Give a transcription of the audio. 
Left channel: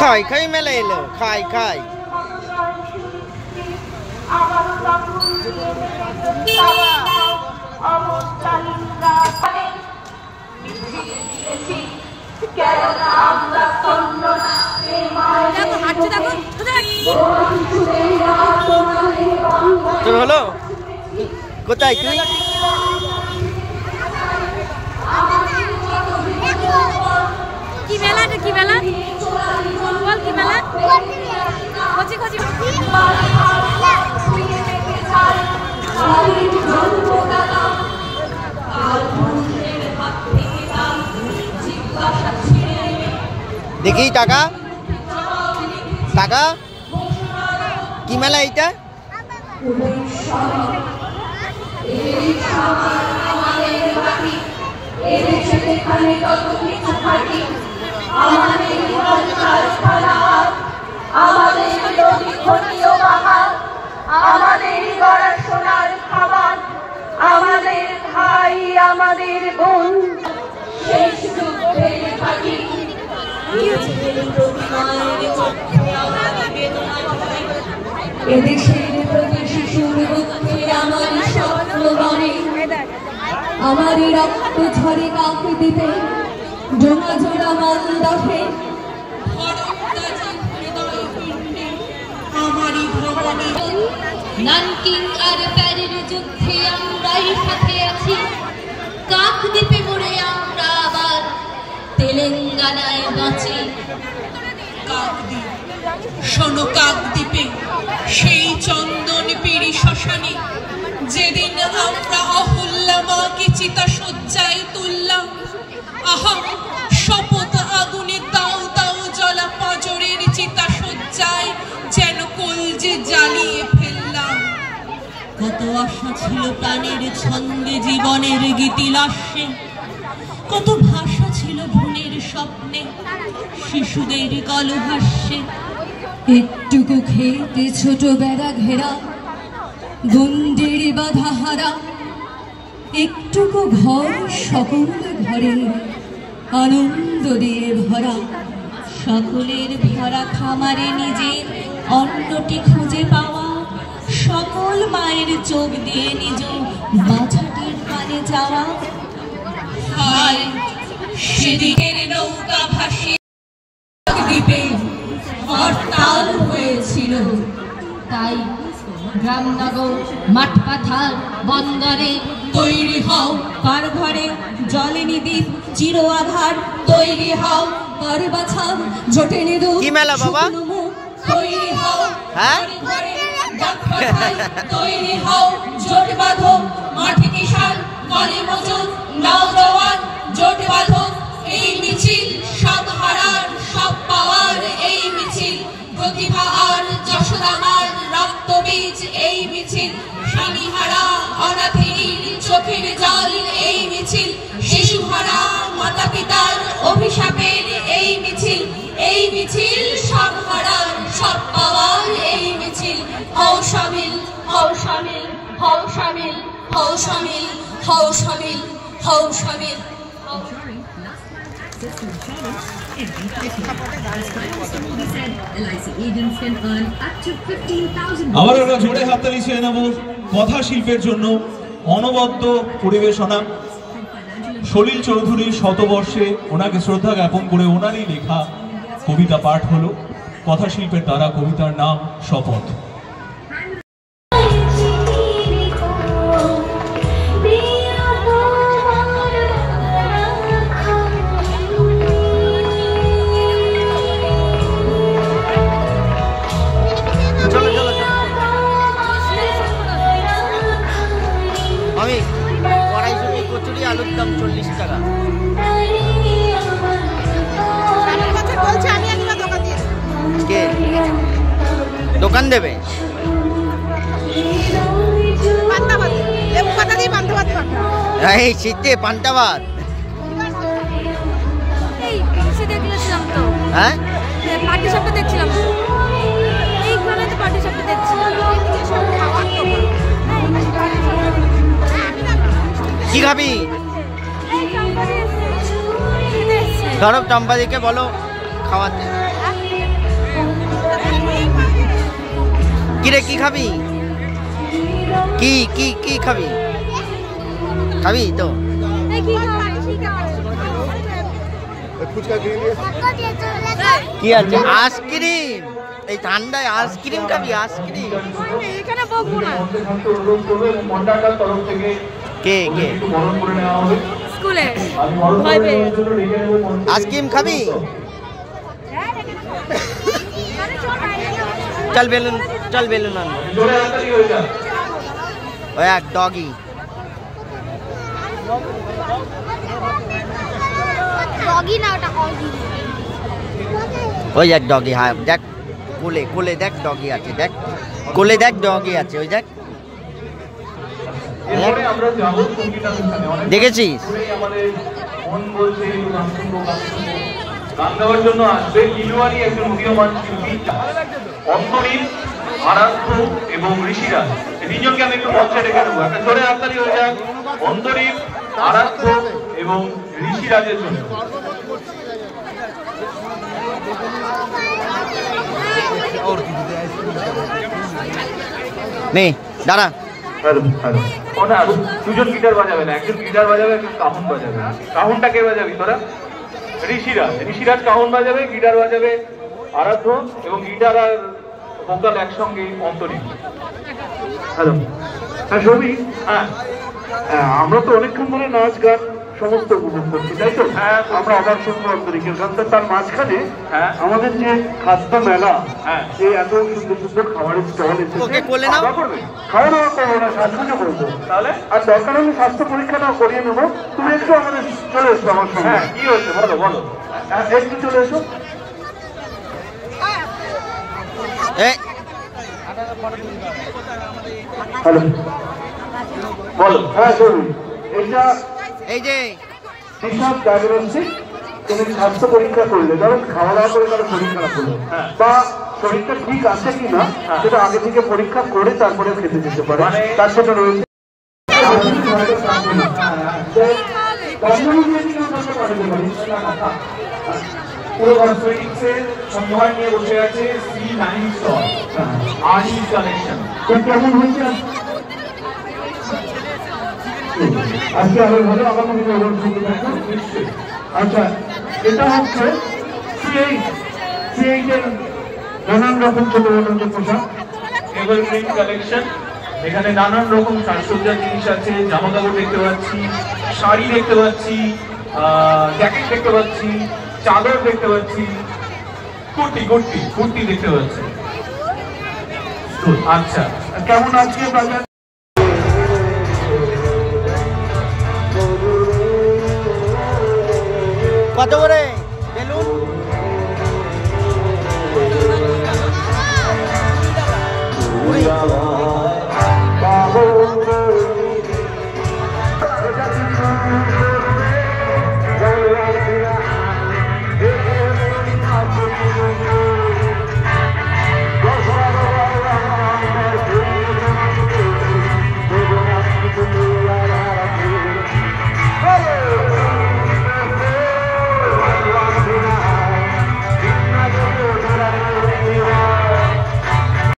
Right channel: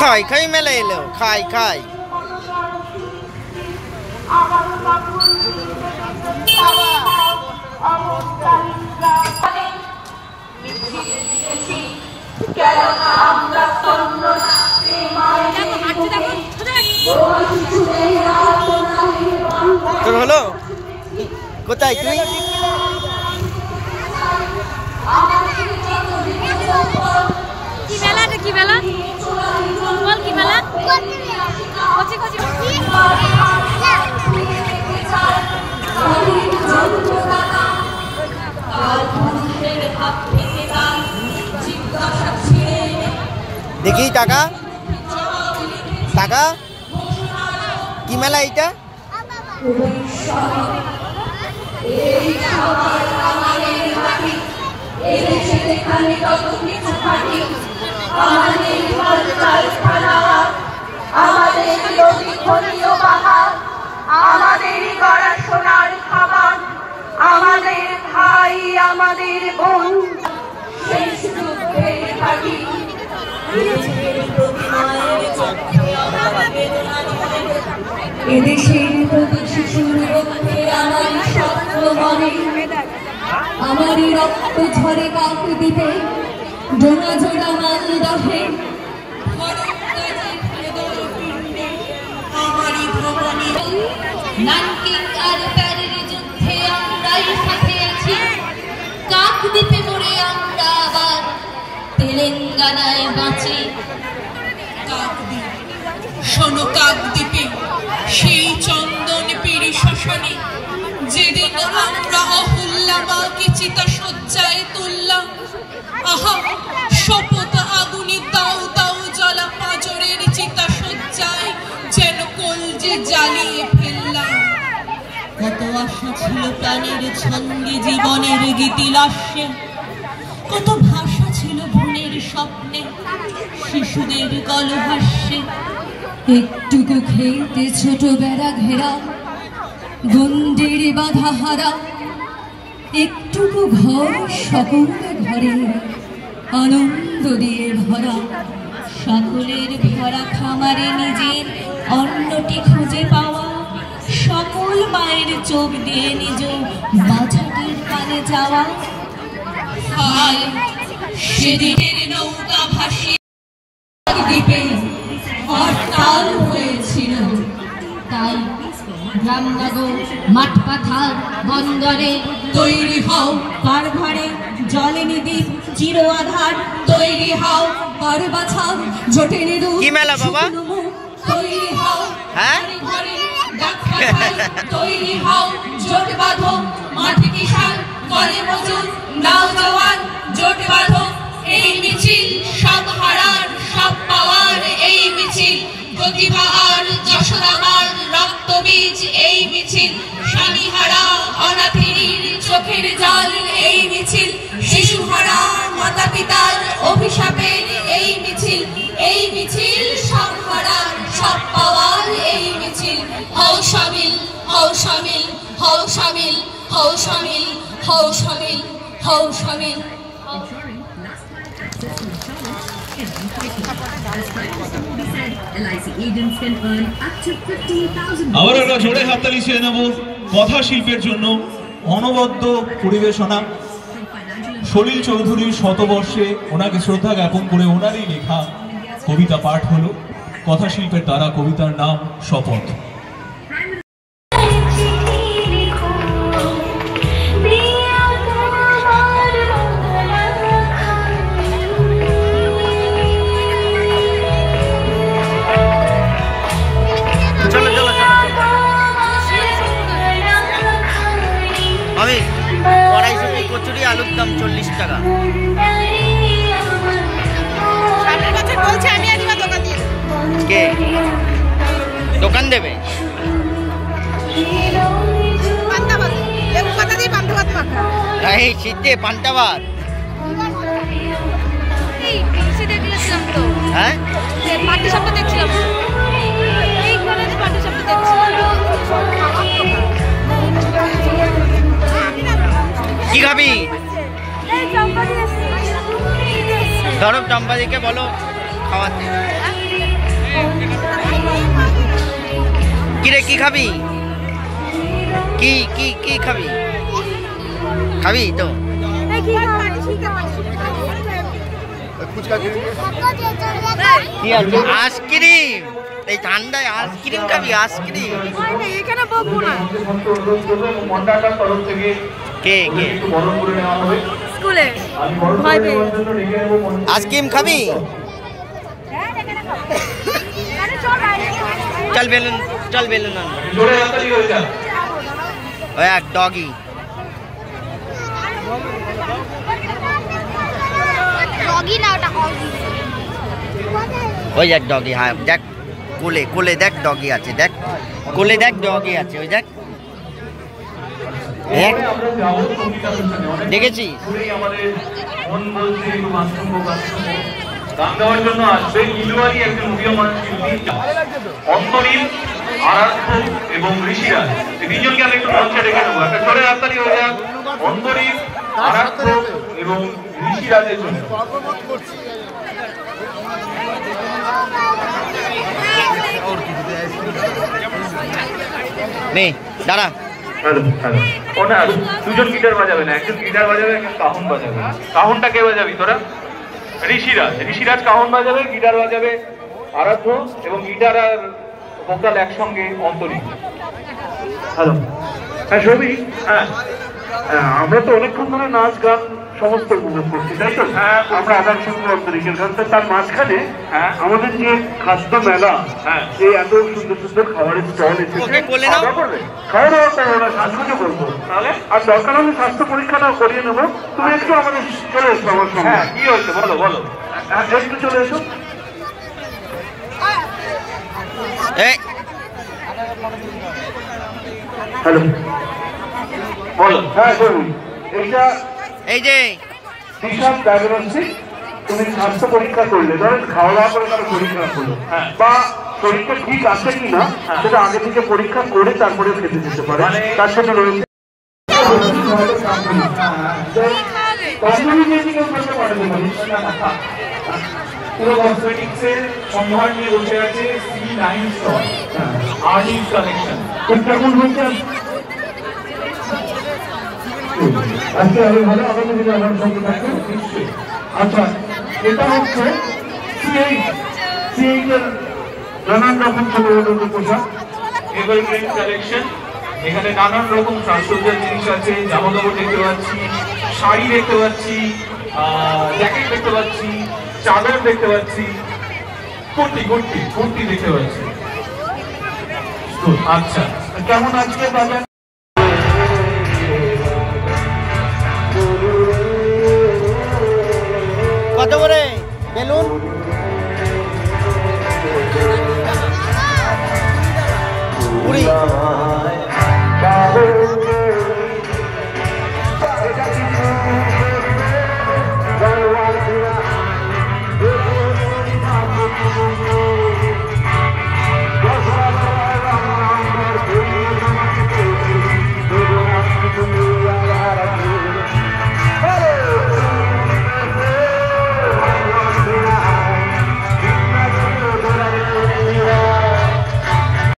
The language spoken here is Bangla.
খাই খাই মেলা এলো, খাই খাই। তোর হলো কোথায় তুই? কি মেলা? কি মেলা বল? কি মেলা? দেখি টাকা টাকা কি মেলা এইটা? আমাদের গড়া সোনার খাবার, আমাদের ভাই, আমাদের বোন, শেষ যুদ্ধের ঘাঁটি। এদেশের প্রতি শিশুর পক্ষে আমার স্বপ্ন বলে, আমারই রক্ত ঝরে কাক দিতে জোড়া জোড়া মান দফে। আমারই ভবনে নানকিং আর প্যারির যুদ্ধে আমরাই সাথে আছি, কাকদ্বীপে মরে আমরা আবার তেলেঙ্গানায় বাঁচি। কাকদ্বীপ, শোনো কাকদ্বীপে সেই চন্দন পেরি শ্মশানে যেদিন আমরা অহল্যা মাকে চিতা সজ্জায় তুললাম। আহা, শপথ আগুনে দাও দাও জ্বলা পাঁজরের চিতা সজ্জায় যেন কলজে জ্বালিয়ে ফেললাম। কত আশা ছিল প্রাণের ছন্দে, জীবনের গীতিলাস্যে, কত ভাষা ছিল ভুলের স্বপ্নে, শিশুদের কলহাস্যে। একটুকু খেতে ছোট বেড়া ঘেরা, গন্ডির বাধা হারা, একটুকু ঘর সকল ঘরে আনন্দ দিয়ে ভরা। সকলের ভরা খামারে নিজের অন্নটি খুঁজে পাওয়া, সকল মায়ের চোখ দিয়ে নিজ বাছাটির পানে যাওয়া। হায় সেদিনের নৌকা ভাসিয়ে দ্বীপে হরতাল হয়েছিল, তাই গ্রামনগর মাঠ পাথার বন্দরে তৈরি হও কারঘরে, জলে নিদ্বীপ চির আধার তৈরি হও কার বাছাও জোটে নিদু। কি মেলা বাবা? তৈরি হও হ্যাঁ তৈরি হও জোট বাঁধো, মাঠে কিষান করে মজুর নওজওয়ান জোট বাঁধো। এই মিছিল সব হারার সব পাওয়ার, এই মিছিল প্রতিভা আর যশোদামার রক্তবীজ, এই মিছিল স্বামীহারা অনাথিনীর চোখের জল, এই মিছিল শিশুহারা মাতা পিতার অভিশাপের, এই মিছিল, এই মিছিল সব হারার সব পাওয়ার, এই মিছিল। হও শামিল, হও শামিল, হও শামিল, হও শামিল, হও শামিল, হও শামিল। আবার আমরা জোরে হাততালি ছেড়ে নেব কথা শিল্পের জন্য। অনবদ্য পরিবেশনা সলিল চৌধুরীর শতবর্ষে ওনাকে শ্রদ্ধা জ্ঞাপন করে ওনারই লেখা কবিতা পাঠ হলো কথা শিল্পের দ্বারা। কবিতার নাম শপথ। আমি কড়াইশুঁটি কচুরি আলুর দাম 40 টাকা। কে দোকান দেবে? এই শীতে পান্তা ভাত। হ্যাঁ কি খাবি? ধরো চম্পাদিকে বলো খাওয়াতে। কিরে কি খাবি? কি কি কি খাবি? খাবি তো? কি আছে? আইসক্রিম। এই ঠান্ডায় আইসক্রিম খাবি? আইসক্রিম এখানে বকবো না। কে কে স্কুলে ভয় পেয়ে আইসক্রিম খাবি? চল বেলুন, চল বেলুন আনবো। ওই এক ডগি। ওই এক ডগি, হ্যাঁ দেখ কোলে কোলে দেখ ডগি আছে, দেখ কোলে দেখ ডগি আছে, ওই দেখ দেখেছিস? গান গাওয়ার জন্য আসবে ইলুয়ারি একজন উদীয়মান শিল্পী অন্তরীল, আরাধ্য এবং ঋষিরাজ। এই তিনজনকে আমি একটু মঞ্চে রেখে দেবো। একটা চলে রাস্তারই হলো অন্তরীল, আরাধ্য এবং ঋষিরাজের জন্য। নে দাঁড়া। দুজন গিটার বাজাবে না, একজন গিটার বাজাবে, একজন কাহুন বাজাবে। কাহুনটা কে বাজাবি তোরা? ঋষিরাজ। ঋষিরাজ কাহুন বাজাবে, গিটার বাজাবে আরাধ্য এবং গিটার আর ভোকাল একসঙ্গে অন্তরীণ। হ্যালো, হ্যাঁ সৌমিক, হ্যাঁ আমরা তো অনেকক্ষণ ধরে নাচ গান সমস্ত উপভোগ করছি, তাই তো? হ্যাঁ, আমরা আমার সঙ্গে অন্তরিকের গান। তার মাঝখানে আমাদের যে খাদ্য মেলা, এই এত সুন্দর সুন্দর খাবারের স্টল এসেছে, কোলে নাও, খাওয়া দাওয়া করবো না, সাজগুজো করবো। তাহলে আর দরকার হলে স্বাস্থ্য পরীক্ষাটাও করিয়ে নেবো। তুমি একটু আমাদের চলে এসো আমার সঙ্গে। হ্যাঁ, কি হয়েছে বলো বলো, একটু চলে এসো। হ্যালো, বলো। হ্যাঁ শুনুন, এইটা এই যে হিসাব ডায়াগনস্টিক। তুমি স্বাস্থ্য পরীক্ষা করলে, ধরেন খাওয়া দাওয়া করে কারো শরীর খারাপ হলো বা শরীরটা ঠিক আছে কিনা সেটা আগে থেকে পরীক্ষা করে তারপরে খেতে যেতে পারে। তার সাথে রয়েছে সম্ভার নিয়ে বসে আছে C9 স্টল, আর্টিস্ট কালেকশন। কেমন হয়েছে আজকে? আরো ভালো, আগামী দিনে আমার সঙ্গে থাকবে নিশ্চয়ই। আচ্ছা, এটা হচ্ছে C8 এর নানান রকম ছোট ছোট পোশাক, এভারগ্রিন কালেকশন। এখানে নানান রকম সাজসজ্জার জিনিস আছে, জামা কাপড় দেখতে পাচ্ছি, শাড়ি দেখতে পাচ্ছি, জ্যাকেট দেখতে পাচ্ছি, চাদর দেখতে পাচ্ছি, কুর্তি কুর্তি কুর্তি দেখতে পাচ্ছি। আচ্ছা, কেমন আজকে বাজার?